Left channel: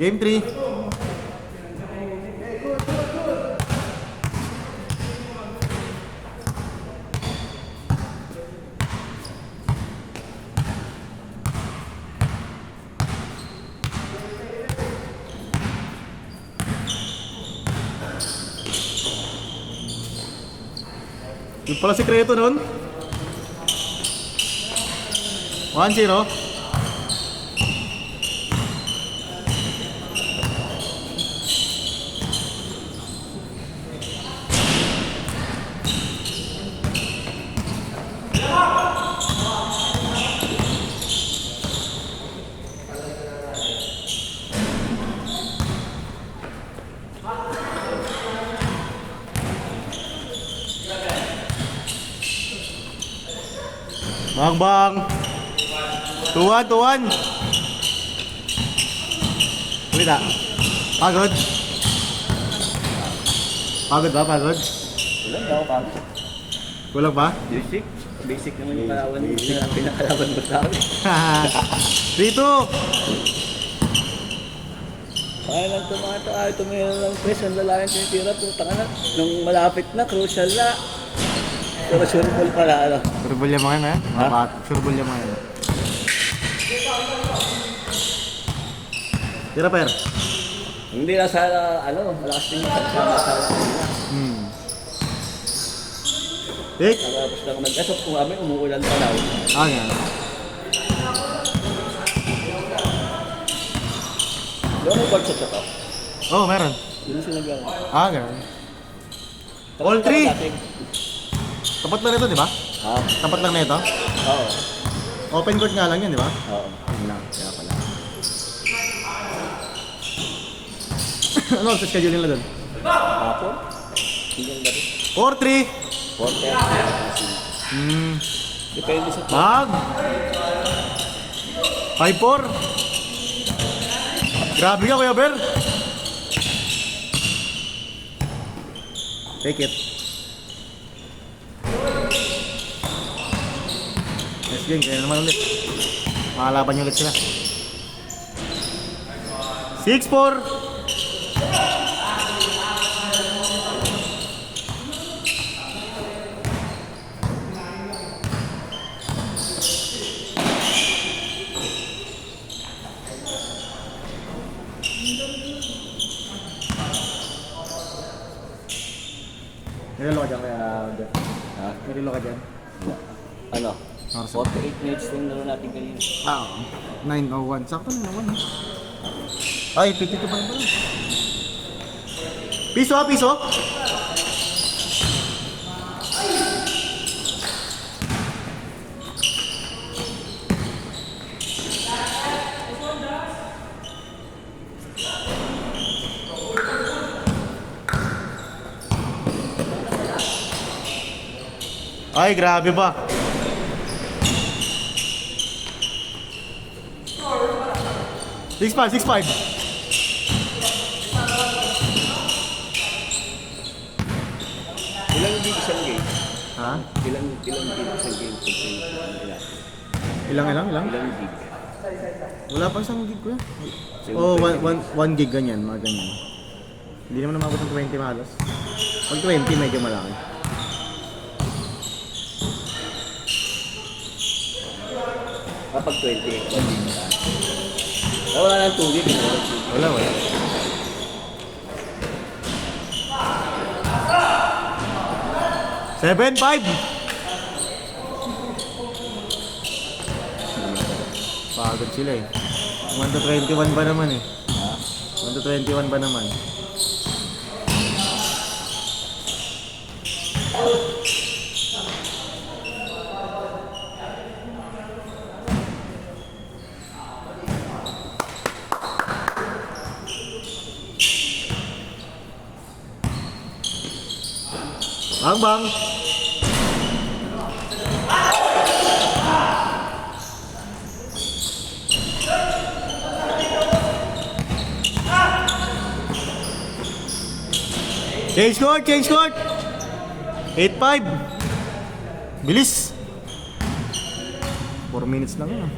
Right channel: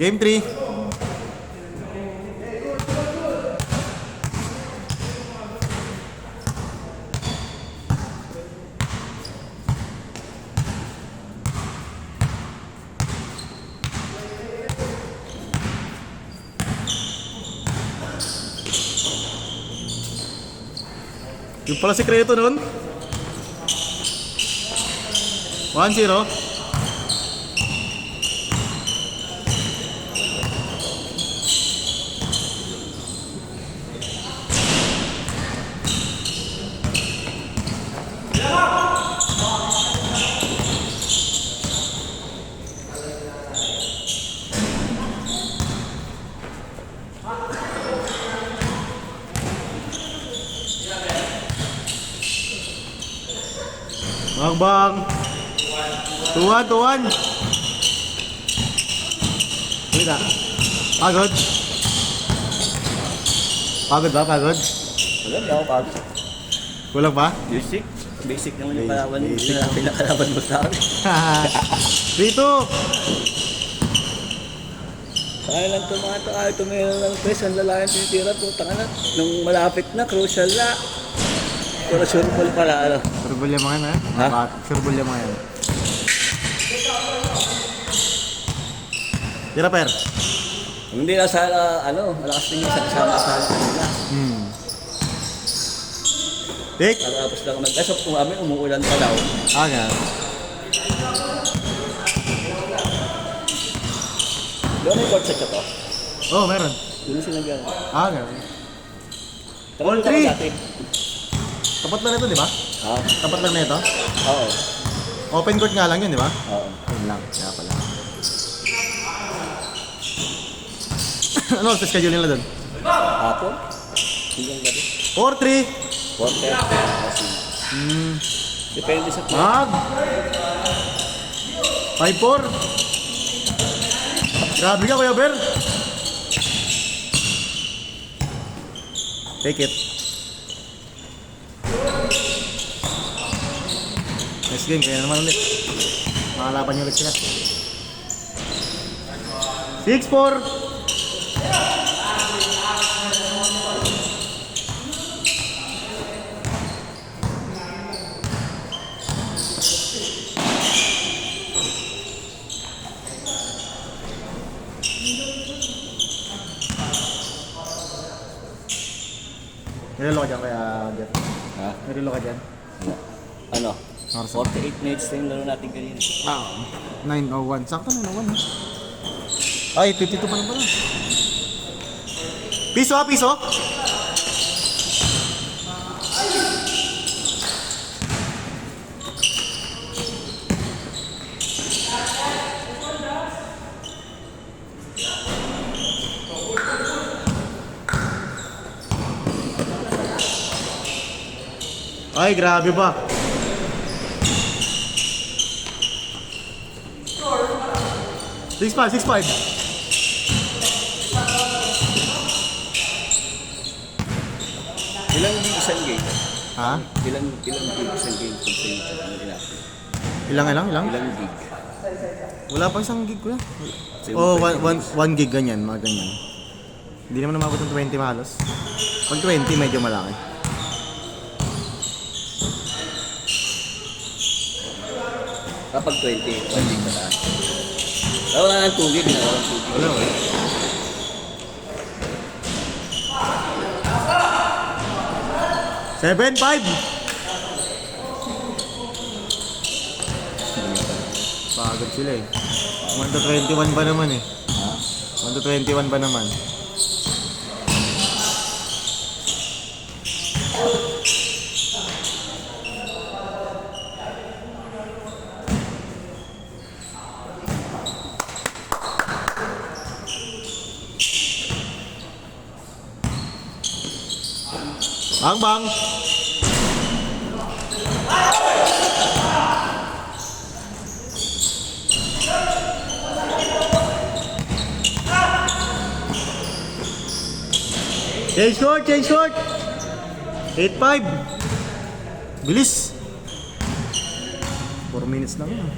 Game 3. Yung pala sikreto nun. 1-0. Bang. 2-1. Hindi ka. Pagod. Pagod ba? Pagod? Kulang daw, pagod. Kulang ba? Basic. Basic naman yung parawan mo. Yun ang pinakalaban mo sa akin. 3-2. Kaya lang tumato. Ay, tumira lang press. Ang lalaki ang tinitira. Puta ka na. Nung malapit na, crucial na. Pero sure ball pala, ano? Surbol yung mga yan, Ha? Surbol yung mga yan. Tira, Per. Hindi na sa, ano, malakas din yung sama sa Pick. tapos lang nag-asok kung kami, umuulan pa daw. Nga. Doon may ball set ka to? Oh, meron. Hindi sinagyan. Nga. All three. Dati. Tapat lang ito, di ba? Ha? Tapat lang na ito. Oo. Open court nga lang yun, di ba? Oo. Ayun lang. Kaya pala. Ano ang schedule nila doon? Hapon? Hindi ang gabi. 4-3. 4-10. Depende sa club. 5-4. Grabe ka, Kuya Ber. Take it. Nice game, kaya naman ulit. Makalaban niyo ulit sila. 6-4. Nilolo ka dyan kaya, Jeff? Ha? Nilolo ka dyan? Ano? Arsa. 48 minutes na yung laro natin kanina. 9:01. Sakto na naman. Ay, titito pa rin pala. Piso, piso. Ay, grabe ba? Six five. Ilang gig isang game? Ha? Ilang gig isang game? Kung sa YouTube, ano ilan? Ilang? Ilang gig? Wala pa isang gig ko. Kasi Oh, pwede- 1 gig ganyan, mga ganyan. Hindi naman umabot ng 20 mahalos. Pag 20, medyo malaki. Kapag 20, isang gig na. Wala nang 2 gig. Wala, wala. Seven, 5. Pagod sila eh. 1 to 21 ba naman eh. 1 to 21 ba naman. Bang. Change court. 8-5. Bilis. 4 minutes lang yan.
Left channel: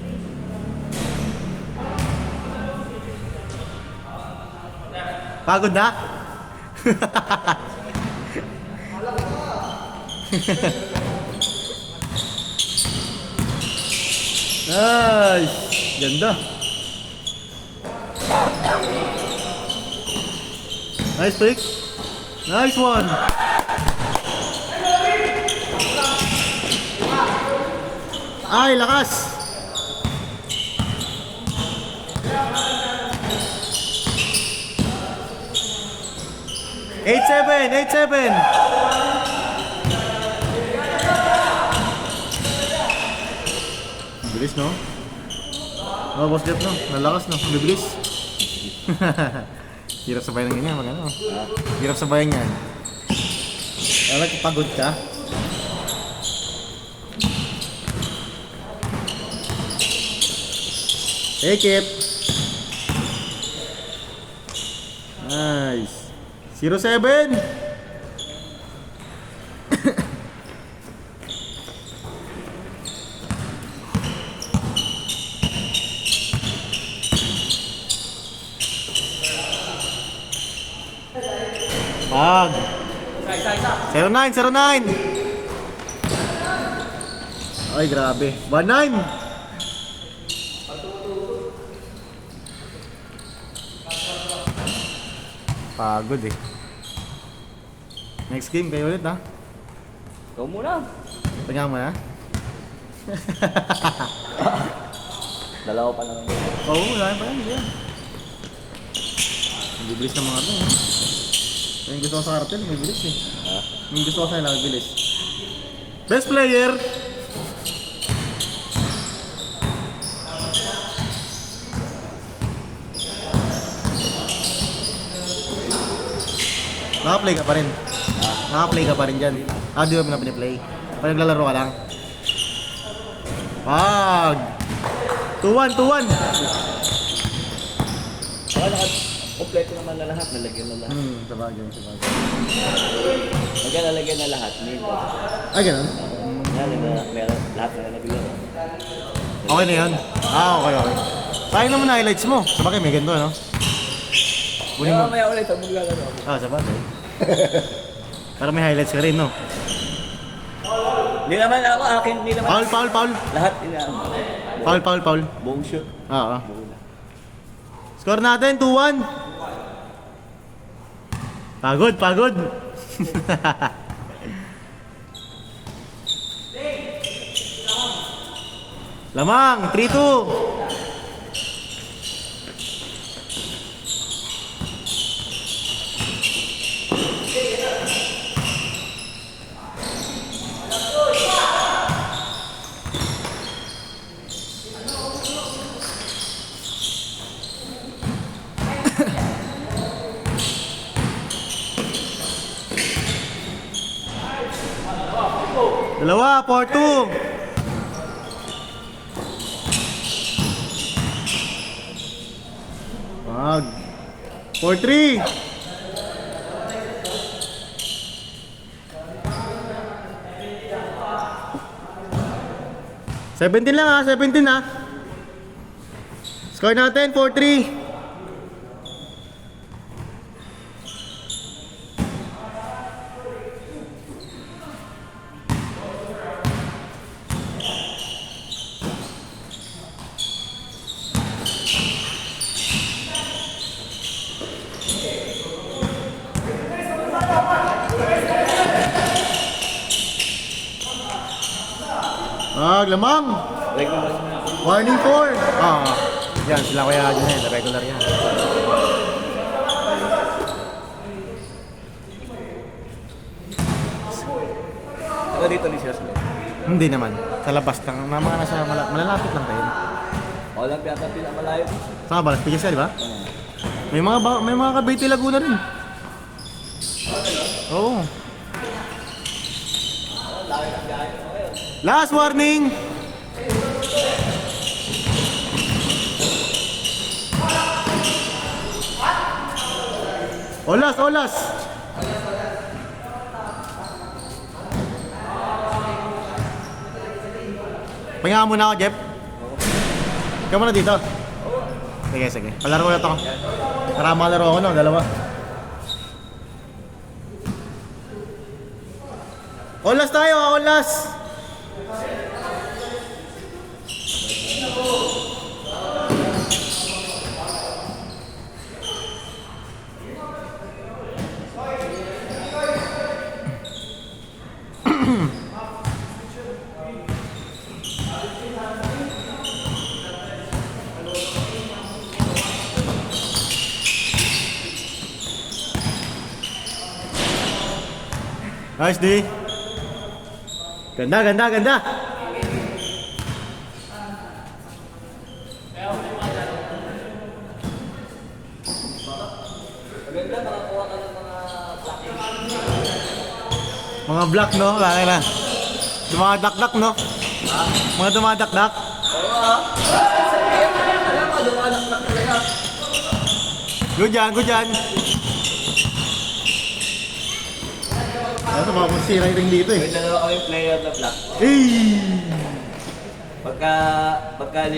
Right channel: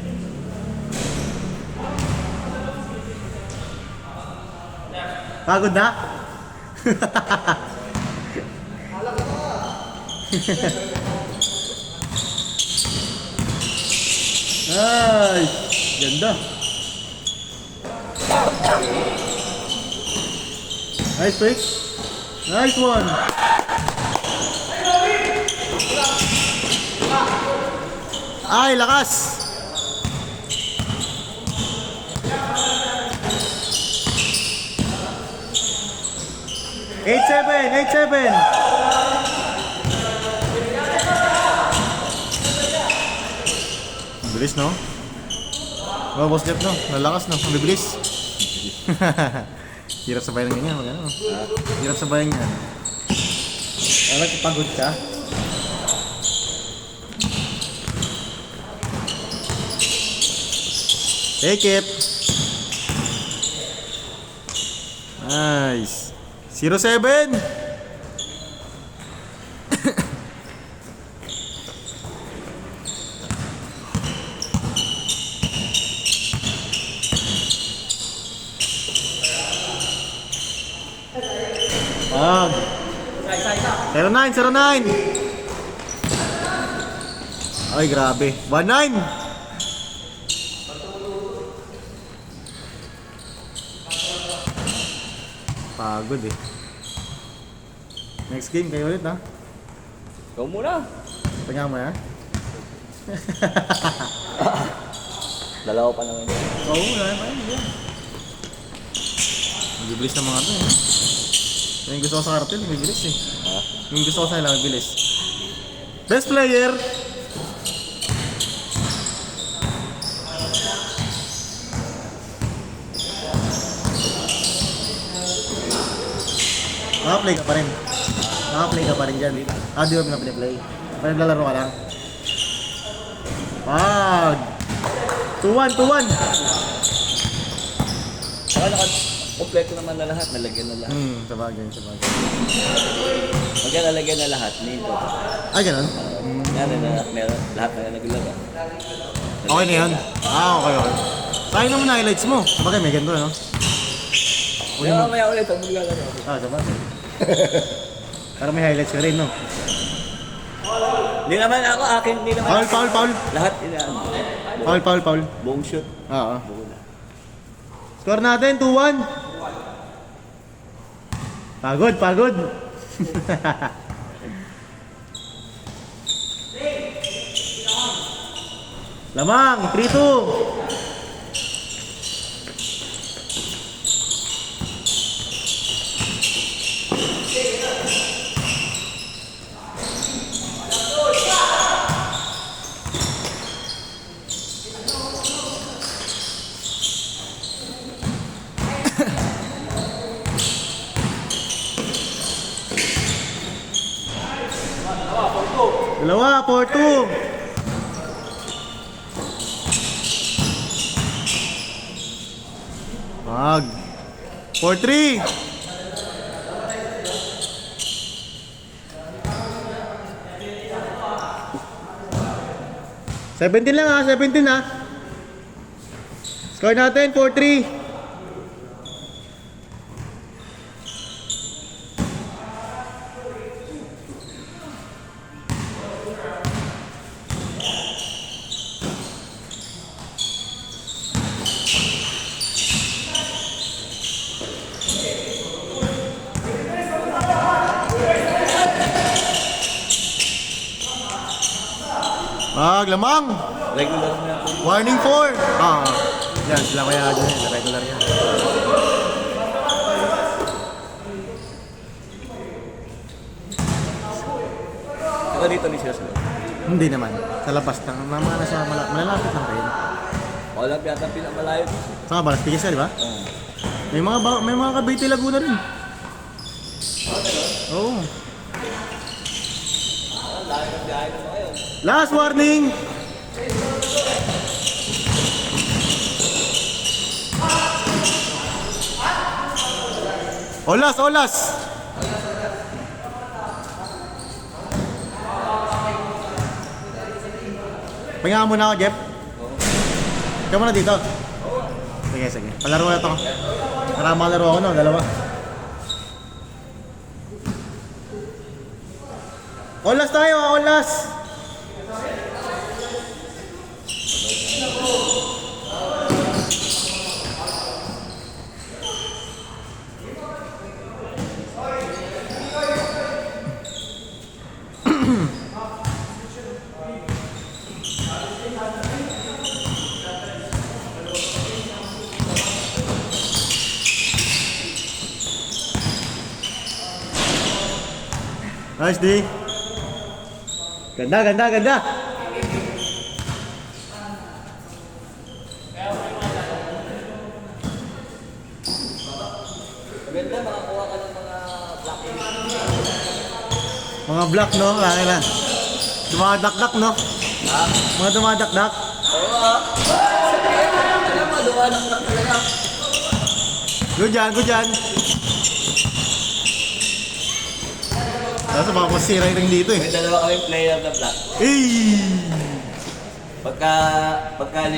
Pagod na? Nice! Ganda. Nice trick. Nice one. Ay, lakas. 8-7. Bilis, no? Oh, boss Jeff, no? Nalakas, no? Ang bibilis. Hirap sabayan ng ganyan, mag-ano? Hirap sabayan yan. Wala, pagod ka. Take it. Nice. 0-7. Ah. 0-9. Ay, grabe. 1-9. Pagod eh. Next game kayo ulit, ha? Ikaw muna. Tingnan mo, ha? Dalawa pa naman yun. Oo, nga. Bibilis ng mga ito, ha? Yung gusto ko sa kartel, bibilis eh. Yung gusto ko sa ilang, bibilis. Best player! Naka-play ka pa rin. Naka-play ka pa rin dyan. Ah, di ba mo na play? Pag naglalaro ka lang. Pag! 2-1. Kompleto naman na lahat, nalagyan na lahat. Sabagay. Pagka nalagyan na lahat, nilo. Ay, ganun? Meron lahat na nalagyan. Okay na yun? Ah, okay. Sayang naman na highlights mo. Sabagay, may ganito, no? Kaya mamaya ulit ang maglalaro ako. Ah, sabagay. Para may highlights ka rin, no? Hindi naman ako, akin, hindi naman. Foul. Lahat inaan. Foul. Buong shoot. Oo. Buong na. Score natin, 2-1. Pagod. Lamang, 3-2. Dalawa, 4-2. Wag. 4-3. Seventeen lang, ha? 17, ha? Score natin, 4-3. Lamang. Regular na. Warning 4. Yan, sila kaya ako yan. Regular yan. Saka dito ni siya sa loob. Hindi naman. Sa labas lang. Nasa malalapit lang kayo. Wala yata pinamalayo dito. Saan ba? Pigisa, di ba? May mga Cavite Laguna rin. Oo. Last warning. Olas. Pahinga muna ako, Jeff. Ikaw muna dito. Sige. Palaro na to. Para malaro ako no, dalawa. Olas tayo, olas! Nice day. Ganda, ganda, ganda. Maganda, makakuha ka ng mga black. Mga black, no? Kaya na. Dumadakdak, no? Mga dumadakdak. Oo. Alam mo, dumanak na talaga. Good yan, good yan. Nasa baka masira yung ring dito eh. May dalawa kayong player of the black. Hey! Pagka